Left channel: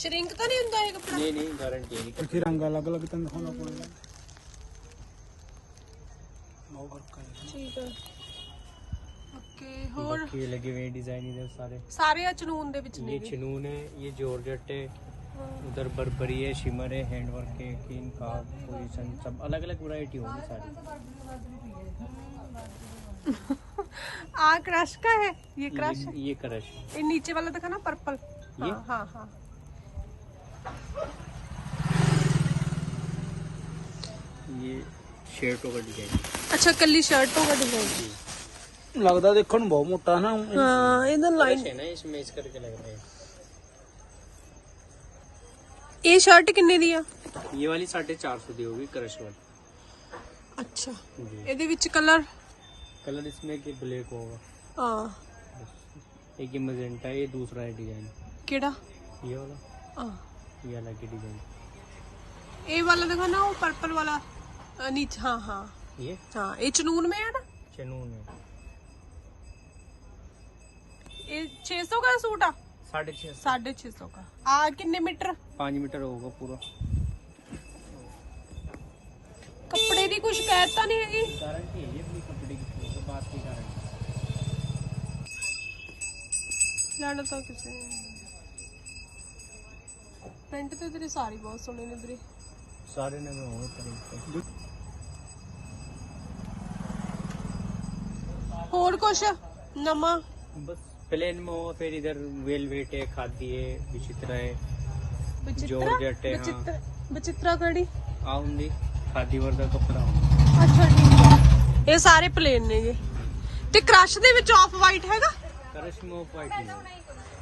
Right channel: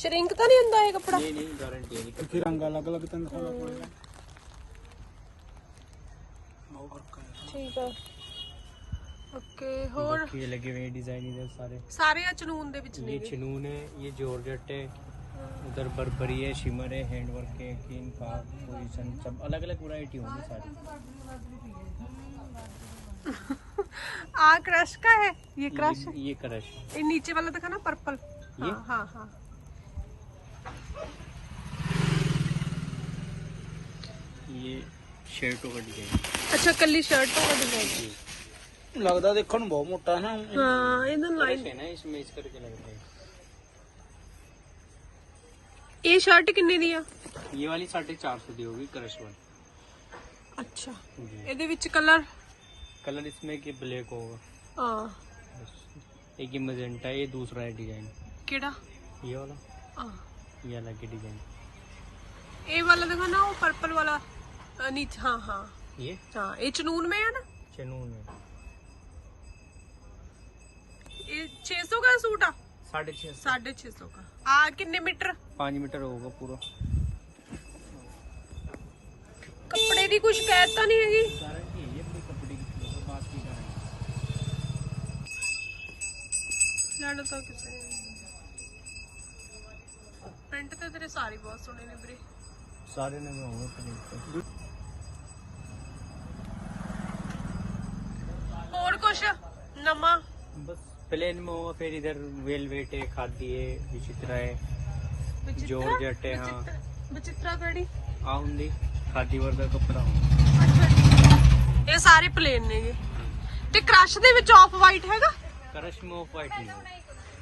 Shrink तो नहीं होता है कपड़ा? नहीं नहीं गारंटी है। क्योंकि रंग अलग अलग तो दिखाना पड़ेगा। ठीक है ओके। और ये लगे हुए डिजाइन इधर सारे सारे चनून दे विच ये ने चनून है, ये जॉर्जेट है, उधर बर्बरी है, शिमर है, हैंडवर्क है, कीन का पोजीशन सब अलग अलग वैरायटी होगी सारी। आ क्रश का है ये क्रश है? ये क्रश ये नीचे वाला दिखा ना पर्पल। ये हाँ हाँ ये शर्टों का डिजाइन। अच्छा कली शर्टों का डिजाइन लगता देखो बहुत मोटा ना। हाँ इधर लाइन है ना, इसमें इस करके लग रहा है। ये शर्ट कितने दी आ? ये वाली 450 दी होगी क्रश वाली। अच्छा जी। ਇਹਦੇ ਵਿੱਚ कलर कलर इसमें कि ब्लैक होगा, हाँ एक ये मजेंटा है, ये दूसरा है डिजाइन ਕਿਹੜਾ ये वाला, हाँ ये अलग की डिजाइन। ये वाला देखो ना वो पर्पल वाला नीचे। हाँ हाँ ये हाँ ये चनून में है ना। चनून है, ये 600 का सूट आ? 650 650 का। आ कितने मीटर? 5 मीटर होगा पूरा। कपड़े की कुछ शिकायत तो नहीं हैगी? गारंटी है ये अपनी कपड़े की, बात की गारंटी। ਲੈਣਾ ਤਾਂ ਕਿਸੇ ਪੈਂਟ ਤੇ ਤੇਰੇ ਸਾਰੇ ਬਹੁਤ ਸੋਹਣੇ ਨੇ ਵੀਰੇ। सारे नगे होंगे प्रिंट। ਹੋਰ ਕੁਛ ਨਵਾਂ? बस प्लेन में होगा, फिर इधर वेलवेट है, खादी है, विचित्रा है, जॉर्जेट है, हाँ ਬਚਿੱਤਰਾ ਕਿਹੜੀ? आउंदी खादी वर्दा कपड़ा होगा। ਅੱਛਾ ਜੀ ਇਹ ਸਾਰੇ ਪਲੇਨ ਨੇਗੇ ਤੇ ਕ੍ਰਸ਼ ਦੇ ਵਿੱਚ ਆਫ ਵਾਈਟ ਹੈਗਾ? क्रश में ऑफ वाइट नहीं होगा।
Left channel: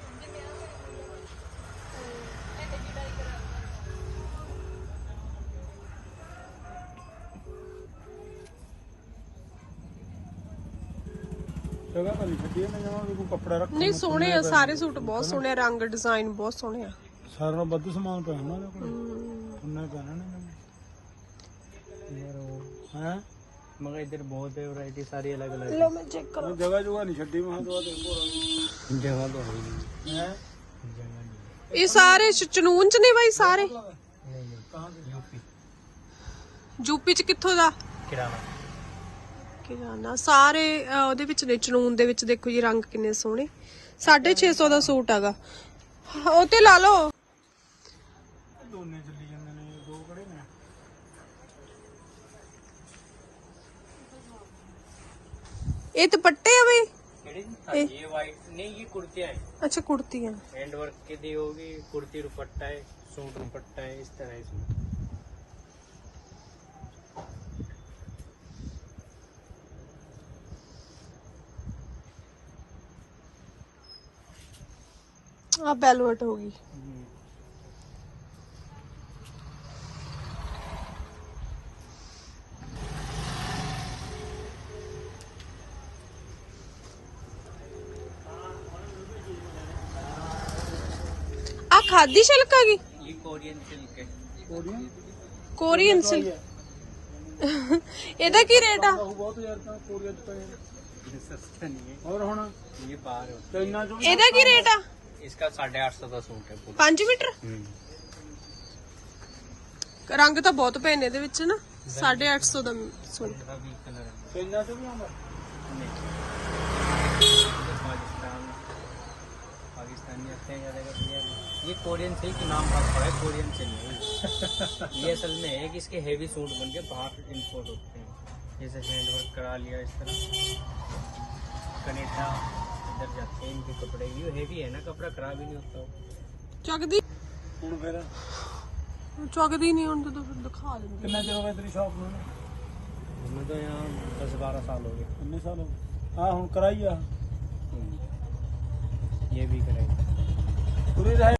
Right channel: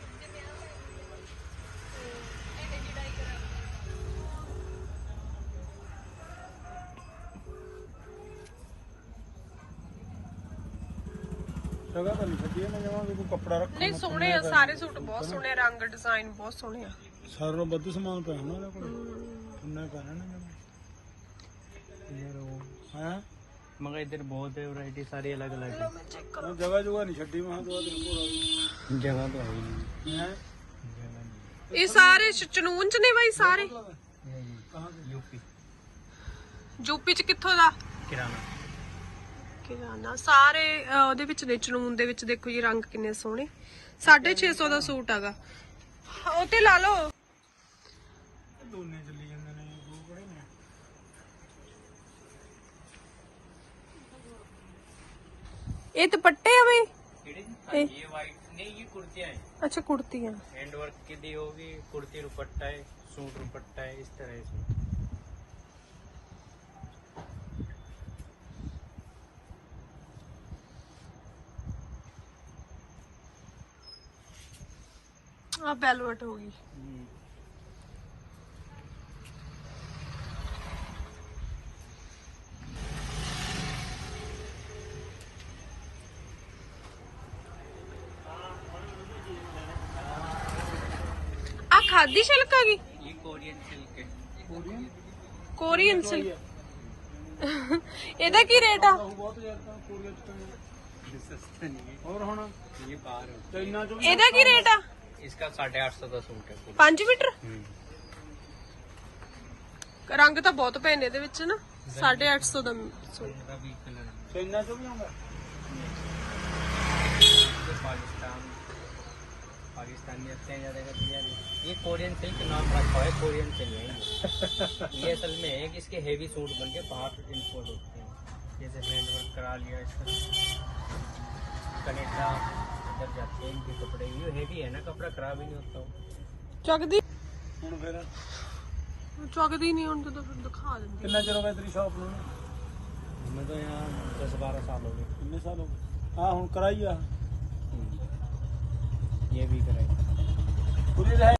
जगह तो नहीं छुट्टी है ना, जहाँ कोई कपड़ा रख ਨਹੀਂ ਸੋਹਣੇ ਆ ਸਾਰੇ ਸੂਟ, ਬਹੁਤ ਸੋਹਣੇ ਆ, ਰੰਗ ਡਿਜ਼ਾਈਨ ਬਹੁਤ ਸੋਹਣੇ ਆ। सारे में बद्दू सामान पे है ना कोई इन्ना कहना ना इधर वो है। मगर इधर बहुत है वैरायटी, सारी अलग अलग ਲੋ ਮੈਂ ਚੈੱਕ ਕਰਾਂ। जगह जुगह नहीं छुट्टी वहाँ तो तुमको जगह तो है ही है। ਇਹ ਸਾਰੇ ਚਨੂਨ ਚ ਨੇ ਬਾਈ ਸਾਰੇ? नहीं। यूपी ਯੂਪੀ ਚ ਕਿੱਥੋਂ ਦਾ? किराना। ਕਿਰਾਨਾ ਸਾਰੇ ਉਹਦੇ ਵਿੱਚ ਨੇ, ਚਨੂਨ ਦੇ ਵਿੱਚ ਦੇਖੋ ਜੀ ਰੰਗ ਕਿੰਨੇ ਸੋਹਣੇ। 650 ਦਾ ਸੂਟ ਹੈਗਾ। ਉਹ ਤੇ ਲਾ ਲਓ। दोने चली जाने ने दो कड़े ना। ਇਹ ਦੁਪੱਟੇ ਆ ਬਈ? ये वाइट नहीं, ये कुर्तियाँ हैं, ਅੱਛਾ ਕੁੜਤੀਆਂ। हैंड वर्क की दी होगी, कुर्ती दुपट्टा है, सूट दुपट्टा है, इस तरह इसमें। ਆ ਬੈਲਵਟ ਹੋ ਗਈ। ਆ ਖਾਦੀ ਸਿਲਕ ਆ ਗਈ? ये कोरियन सिल्क है। Korean silk. ਇਹਦਾ ਕੀ ਰੇਟ ਆ? बहुत यार का कोरिया तो ये सस्ते नहीं है, और होना ये बाहर है। चाइना जो ਇਹਦਾ ਕੀ ਰੇਟ ਆ? इसका 850 का सूट है पूरा। 5 ਮੀਟਰ? ਰੰਗ ਤਾਂ ਬਹੁਤ ਪਏ ਨੇ ਇਹਦੇ ਵਿੱਚ ਨਾ। 850 ਦਾ ਸੂਟ। इसका भी कलर है। चाइना जो भी होगा पाकिस्तानी रखते हैं ज्यादा कर दिया। ये कोरियन सिल्क नाम रखा है, कोरियन सिल्क है ये असल में है कि इसके हेवी सूट बन के बाहर इंपोर्ट होते हैं। जैसे हैंडवर्क करा लिया इस तरह, कनेडा इधर जाते हैं इनके कपड़े। ये हेवी है ना, कपड़ा खराब ही नहीं होता। ਚੱਕਦੀ ਹੁਣ ਫਿਰ ਚੱਕਦੀ ਨਹੀਂ ਹੁਣ ਜਦੋਂ ਫਿਰ ਦਿਖਾ ਦਿੰਦੀ। ਕਿੰਨਾ ਚਿਰ ਹੋ ਗਿਆ ਤੇਰੀ ਸ਼ਾਪ ਨੂੰ? हमें तो यहाँ 10-12 साल हो गए। ਕਿੰਨੇ ਸਾਲ ਹੋ ਗਏ? ਹਾਂ ਹੁਣ ਕਰਾਈ ਆ ये भी करेंगे। ਪੂਰੀ